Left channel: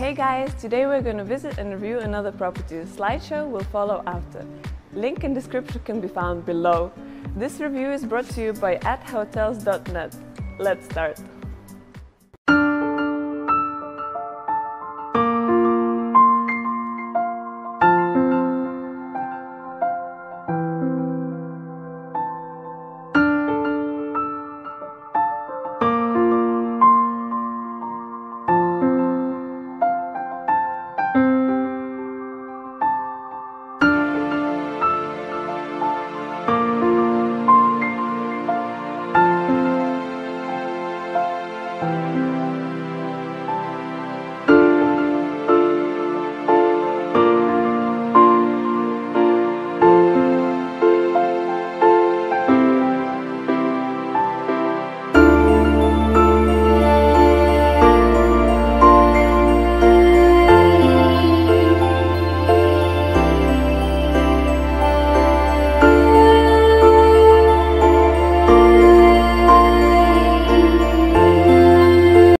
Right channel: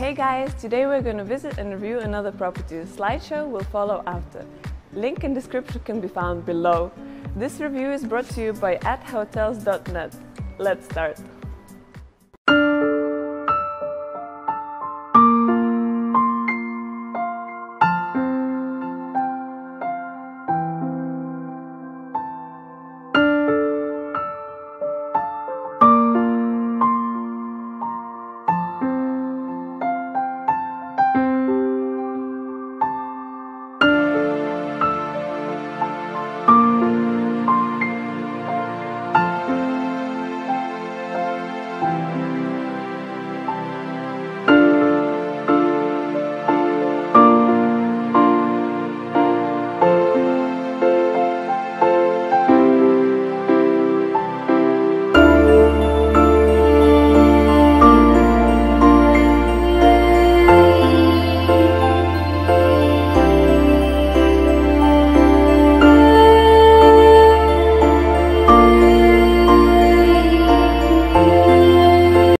Hey guys, today we're going to visit and review another property. The slideshow will follow after. Link in description can be found below. This review is brought to you by @hotels.net. Let's start.